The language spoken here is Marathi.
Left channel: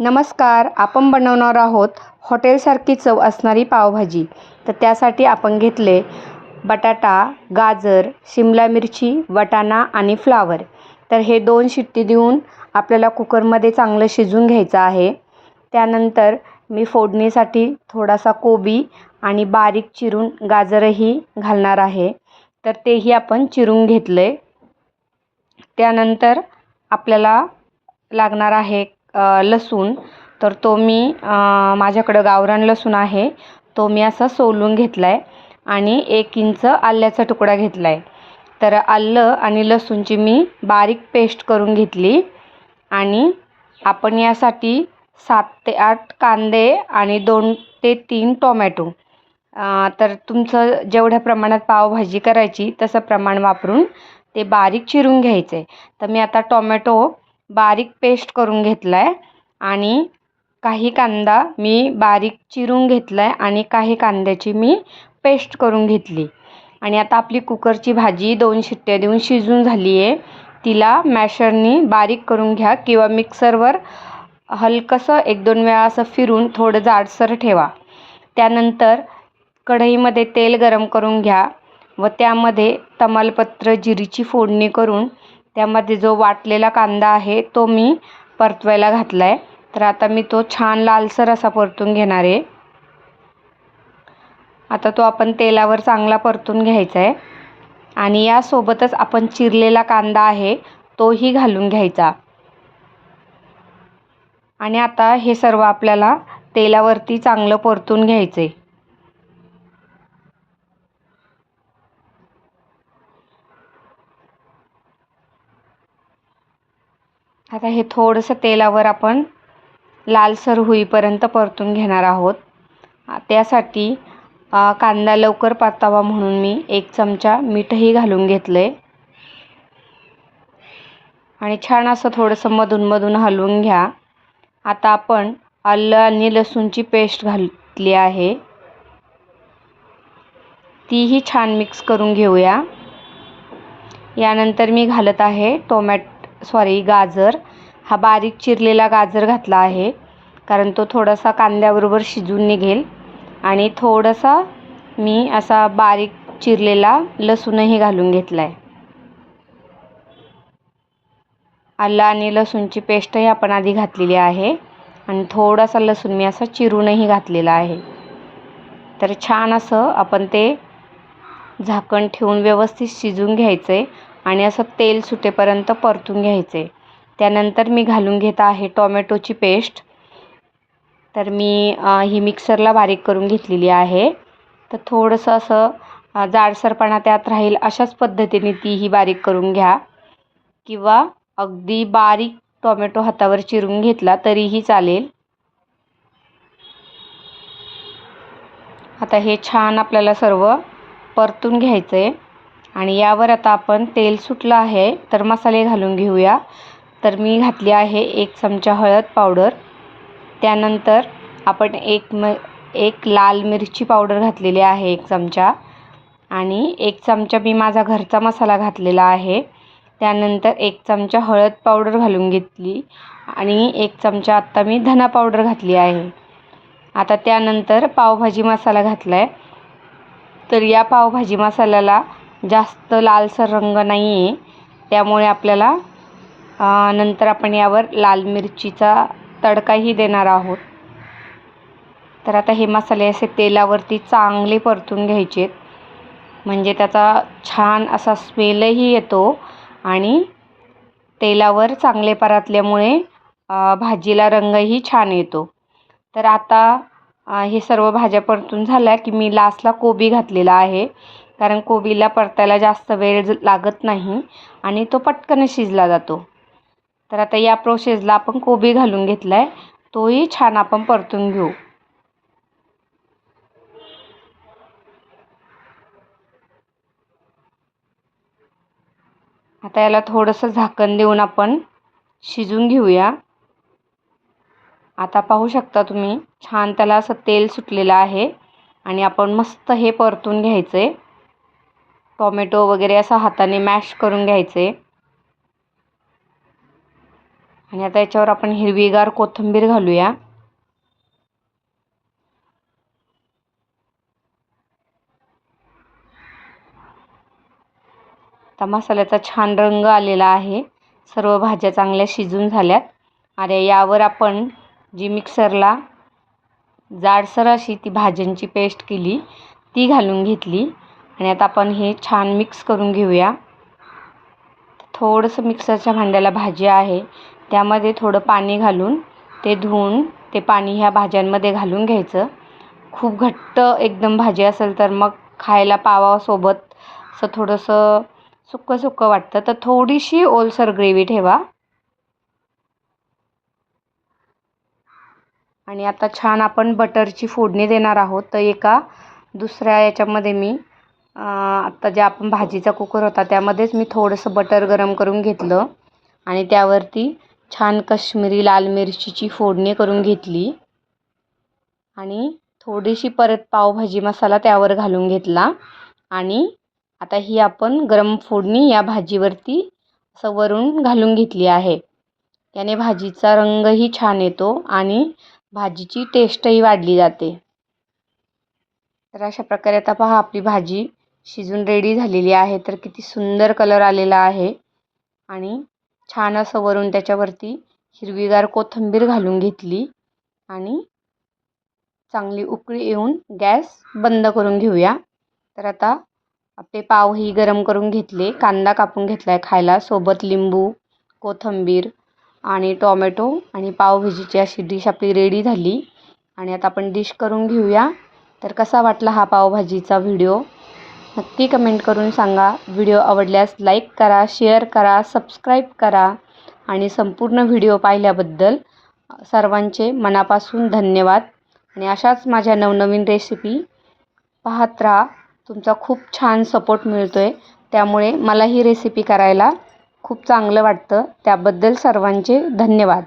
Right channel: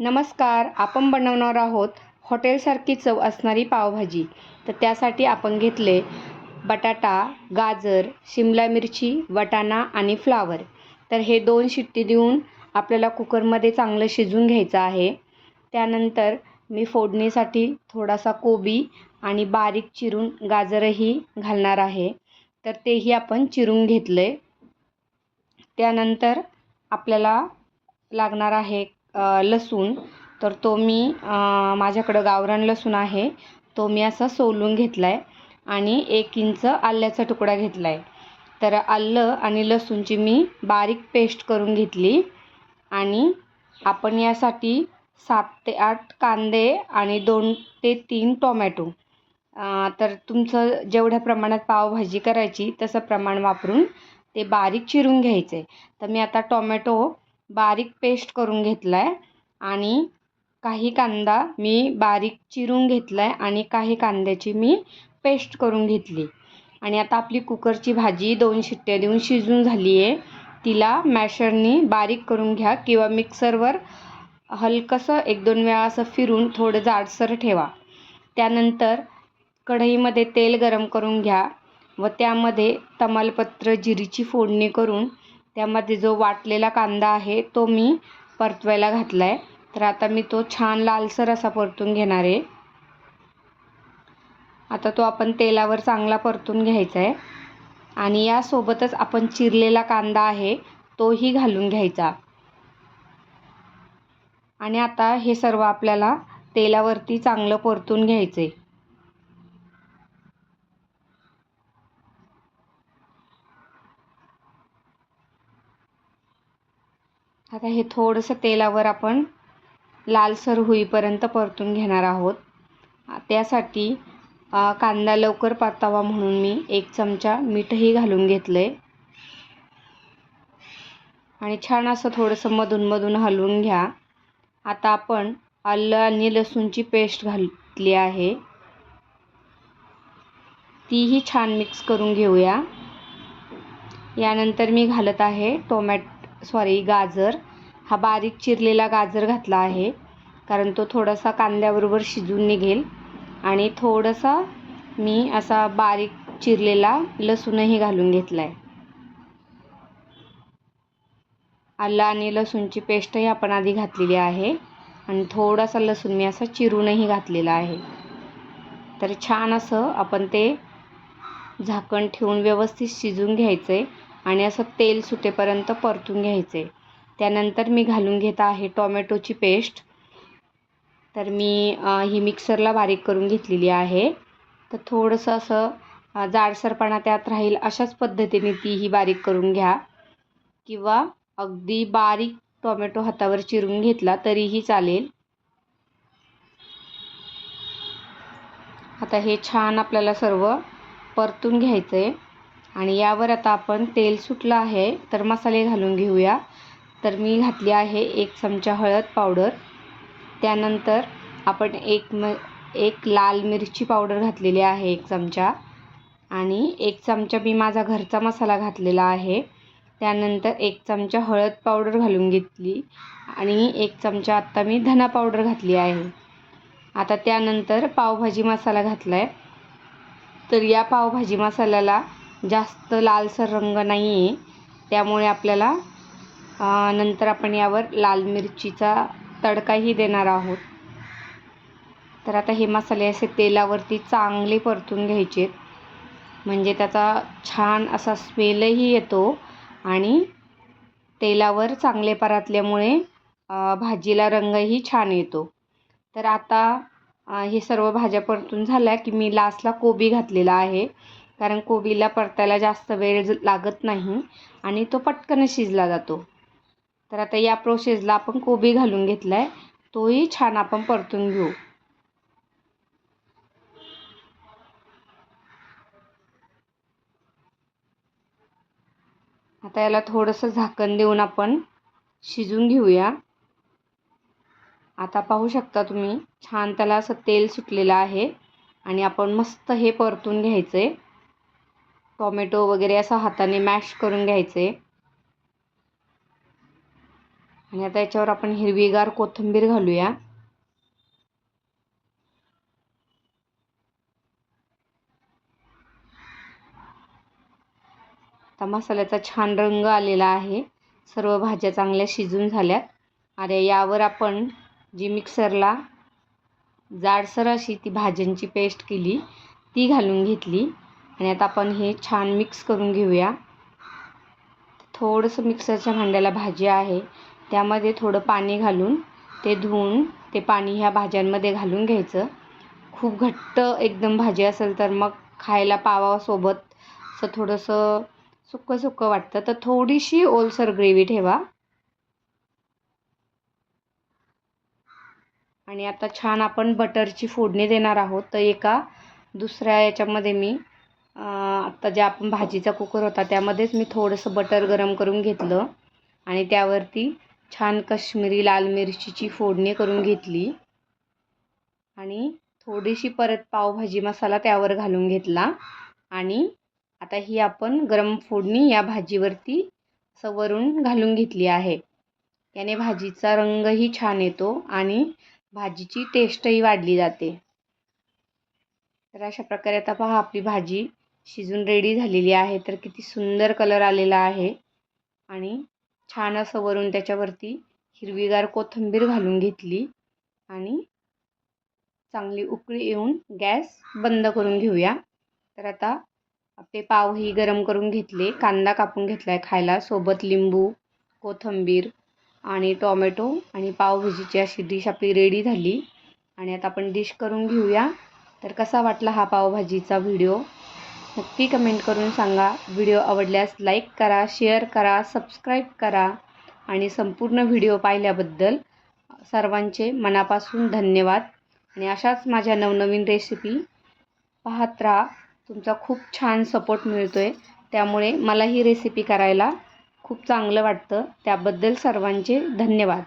नमस्कार. आपण बनवणार आहोत हॉटेलसारखी चव असणारी पावभाजी. तर त्यासाठी आपण घेतले बटाटा, गाजर, शिमला मिरची, वाटाणा आणि फ्लावर. तर हे 2 शिट्टी देऊन आपल्याला कुकरमध्ये चांगलं शिजवून घ्यायचं आहे. त्यानंतर मी फोडणीसाठी थोडासा कोबी आणि बारीक चिरून गाजरही घालणार आहे. तर तेही आपण चिरून घेतले. त्यानंतर आपल्याला लागणार आहे लसूण. तर तो मी माझ्याकडं गावरान लसूण आहे, तो मी असा सोलून घेतला आहे आणि 1 इंच आल्याचा तुकडा घेतला आहे. तर आलं आणि लसूणची मी बारीक पेस्ट करून घेतली. आणि आपण यासाठी 7 ते 8 कांदे आणि 2 ते 3 टोमॅटो, तर तुमचं जेवढ्या प्रमाणात पावभाजी करायची तसं प्रमाण वापरून ते बारीक चिरून घ्यायचं आहे. तर मी आता टोमॅटो बारीक पेस्ट करून घेतला आहे आणि काही कांदा मी बारीक चिरून घेतला आहे आणि काही कांद्याची मी पेस्ट करून घेतली. आणि आता आपली कुकरची भाजी 2 शिट्ट्या देऊन शिजून झाली आहे. तिला मॅशरनी बारीक करून घ्या किंवा मिक्सरवर हलकंसं 1-2 वेळा असं फिरून थोडं जाडसर ठेवा. त्यानंतर कढईमध्ये तेल गरम करून घ्या व त्यामध्ये तमालपत्र, जिरीची फोडणी करून त्यामध्ये जो वाटलेला कांदा आहे तो मी परतवायला घातला आहे. तर आता मी तो छान लालसर असा परतून घेणार आहे. आता तो आपण तेलावर चांगला परतून घ्यायचा आहे आणि यासोबतच आपण चिरलेला कांदा आहे तोही घालून घ्यायचा. आणि आता हे सर्व आपल्याला तेलावरती चांगलं परतून घ्यायचं आहे. आता हे थोडंसं तेलावर आपण लालसर होईपर्यंत परतून घेणार आहोत. त्यासाठी कांदा लवकर परतावा म्हणून मी 1 चमचा मीठही घालून घेतले आणि छान असं थोडंसं मधून हलवून घ्या. आता आपण आलं आणि लसूणची पेस्ट घातली आहे, तीही छान मिक्स करून घेऊया. यानंतर मी घालत आहे गाजर. हा बारीक चिरलेला गाजर घातला आहे कारण तो थोडासा कांद्याबरोबर शिजून निघेल. आणि थोडासा मी असा बारीक चिरलेला लसूणही घालून घेतला आहे. आलं आणि लसूणची पेस्टही आपण आधी घातलेली आहे आणि थोडासा लसूण मी असा चिरूनही घातलेला आहे. तर छान असं आपण ते झाकण ठेवून व्यवस्थित शिजवून घ्यायचं आहे आणि असं तेल सुटेपर्यंत परतून घ्यायचं आहे. त्यानंतर मी घालून घेत आहे टोमॅटोची पेस्ट. तर मी ही मिक्सरला बारीक करून घेतलेली आहे. तर थोडंसं असं जाडसरपणा त्यात राहील अशाच पद्धतीने तीही बारीक करून घ्या किंवा अगदी बारीक टोमॅटो हातावर चिरून घेतला तरीही चालेल. आता हे छान आपल्याला सर्व परतून घ्यायचं आहे आणि यावर आता आपण तेल सुटलं आहे तर मसाले घालून घेऊया. तर मी घातली आहे 1 चमचा हळद पावडर. त्यानंतर आपण एक लाल मिरची पावडर घातलेली आहे 1 चमचा आणि 1 चमचा मी माझा घरचा मसाला घातलेला आहे. त्यानंतर 1 चमचा हळद पावडर घालून घेतली आणि 1 चमचा आत्ता मी धना पावडर घातली आहे. आता त्यानंतर पावभाजी मसाला घातला आहे. तर या पावभाजी मसाल्याला जास्त लालसर रंग नाही आहे, त्यामुळे आपल्याला नंतर आपण यावर लाल मिरचीचा तडकाही देणार आहोत. तर आता हे मसाले असे तेलावरती चांगले परतून घ्यायचे म्हणजे त्याचा छान असा स्मेलही येतो आणि तेलावर चांगले परतल्यामुळे भाजीला रंगही छान येतो. तर आता हे सर्व भाज्या परतून झाल्या की मी लास्टला कोबी घातलेला आहे कारण कोबीला परतायला जास्त वेळ लागत नाही आणि तो पटकन शिजला जातो. तर आता या प्रोसेसला आपण कोबी घालून घेतला आहे, तोही छान आपण परतून घेऊ. आता याला थोडंसं झाकण देऊन आपण शिजून घेऊया. आता पाहू शकता तुम्ही छान त्याला असं तेल सुटलेलं आहे आणि आपण मस्त हे परतून घ्यायचं आहे. टोमॅटो वगैरे असं हाताने मॅश करून घ्यायचे. आणि आता याच्यावर आपण हिरवीगार कोथिंबीर घालूया. आता मसाल्याचा छान रंग आलेला आहे. सर्व भाज्या चांगल्या शिजून झाल्यात. आणि यावर आपण जी मिक्सरला जाडसर अशी ती भाज्यांची पेस्ट केली ती घालून घेतली. आणि आता आपण हे छान मिक्स करून घेऊया. थोडंसं मिक्सरच्या भांड्याला भाजी आहे त्यामध्ये थोडं पाणी घालून ते धुवून ते पाणी ह्या भाज्यांमध्ये घालून घ्यायचं. खूप घट्ट एकदम भाजी असेल तर मग खायला पावासोबत असं थोडंसं सुक्कं सुक्कं वाटतं, तर थोडीशी ओलसर ग्रेव्ही ठेवा. आणि आता छान आपण बटरची फोडणी देणार आहोत. तर एका दुसऱ्या याच्यामध्ये मी आत्ता जे आपण भाजीचा कुकर होता त्यामध्येच मी थोडंसं बटर गरम करून घेतलं आणि त्यावरती छान काश्मीरी लाल मिरचीची फोडणी करून घेतली आणि थोडीशी परत पावभाजी मसाला त्यावर घालून घेतला. आणि आता ही आपण गरम फोडणी या भाजीवरती असं वरून घालून घेतली आहे. याने भाजीचा रंगही छान येतो आणि भाजीची टेस्टही वाढली जाते. तर अशा प्रकारे आता पहा आपली भाजी शिजून रेडी झालेली आहे. तर किती सुंदर कलर आलेला आहे आणि छान असं वरून त्याच्यावरती हिरवीगार कोथिंबीर घालून घेतली आणि चांगली उकळी येऊन गॅस बंद करून घेऊया. तर आता आपले पावही गरम करून घेतले, कांदा कापून घेतला आहे खायला, सोबत लिंबू, कोथिंबीर आणि टोमॅटो आणि पावभाजीची अशी डिश आपली रेडी झाली. आणि आता आपण डिश करून घेऊया. तर कसा वाटला हा पावभाजीचा व्हिडिओ नक्की कमेंट करून सांगा. व्हिडिओ आवडल्यास लाईक करा, शेअर करा, सबस्क्राईब करा आणि संपूर्ण व्हिडिओ पाहिल्याबद्दल सर्वांचे मनापासून धन्यवाद. आणि अशाच माझ्या नवनवीन रेसिपी पाहत राहा. तुमचा खूप छान सपोर्ट मिळतो आहे, त्यामुळे मला ही रेसिपी करायला खूप चांगलं वाटतं. त्याबद्दल सर्वांचे धन्यवाद.